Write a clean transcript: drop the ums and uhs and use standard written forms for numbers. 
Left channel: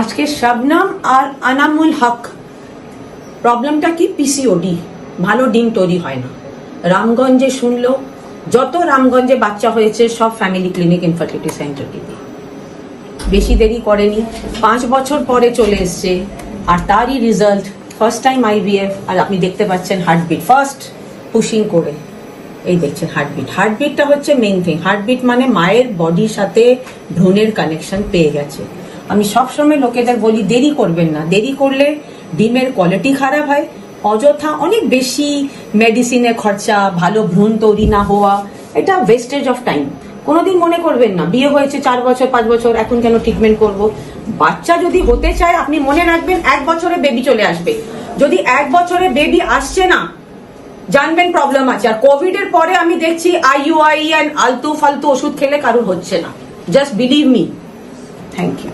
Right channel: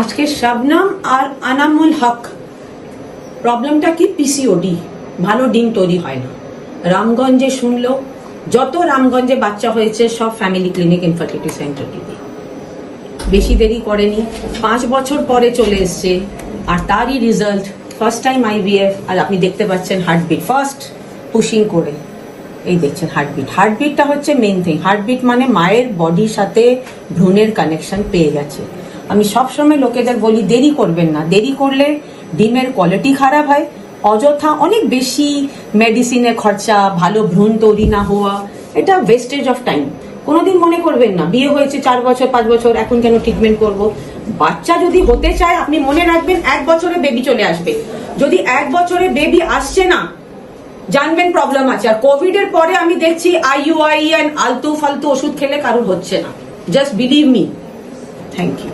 আজকে শবনম আর আনামুল হক প্রবলেমটা কি পিসিওডি, ভালো ডিম তৈরি হয় না। রামগঞ্জে শুনলো, যত রামগঞ্জে বাচ্চা হয়েছে সব ফ্যামিলি ক্লিনিক ইনফার্টিলিটি সেন্টার থেকে। বেশি দেরি করেনি, 5 বছর পরে চলে এসছে। আর তারই রেজাল্ট ফার্স্ট টাইম আইভিএফ। আর আপনি দেখতে পাচ্ছেন হার্টবিট ফার্স্ট পুশিং করে, এই দেখছেন হার্টবিট। হার্টবিটটা হচ্ছে মেইন থিং। হার্টবিট মানে মায়ের বডির সাথে ভ্রূণের কানেকশন পেয়ে গেছে। আমি সবসময় লোকেদের বলি দেরি করবেন না, দেরি করলে ডিমের কোয়ালিটি খারাপ হয়, অযথা অনেক বেশি মেডিসিনের খরচা, ভালো ভ্রূণ তৈরি না হওয়া, এটা ওয়েস্টেজ অফ টাইম। কোনোদিন মনে করবেন না বিয়ে হয়েছে 4 বছর 5 বছর, এখন কেন ট্রিটমেন্ট করব। বাচ্চা যদি হতে চায় আপনি মনে রাখবেন 1 বছরে বেবি চলে আসবে। যদি 1 বছরে বেবি আসছে না, জানবেন প্রবলেম আছে। আর কোভিড এর পরে আমি দেখছি IUI আর আলতু ফালতু ওষুধ খেলে কারো হচ্ছে না। Just believe me. Thank you.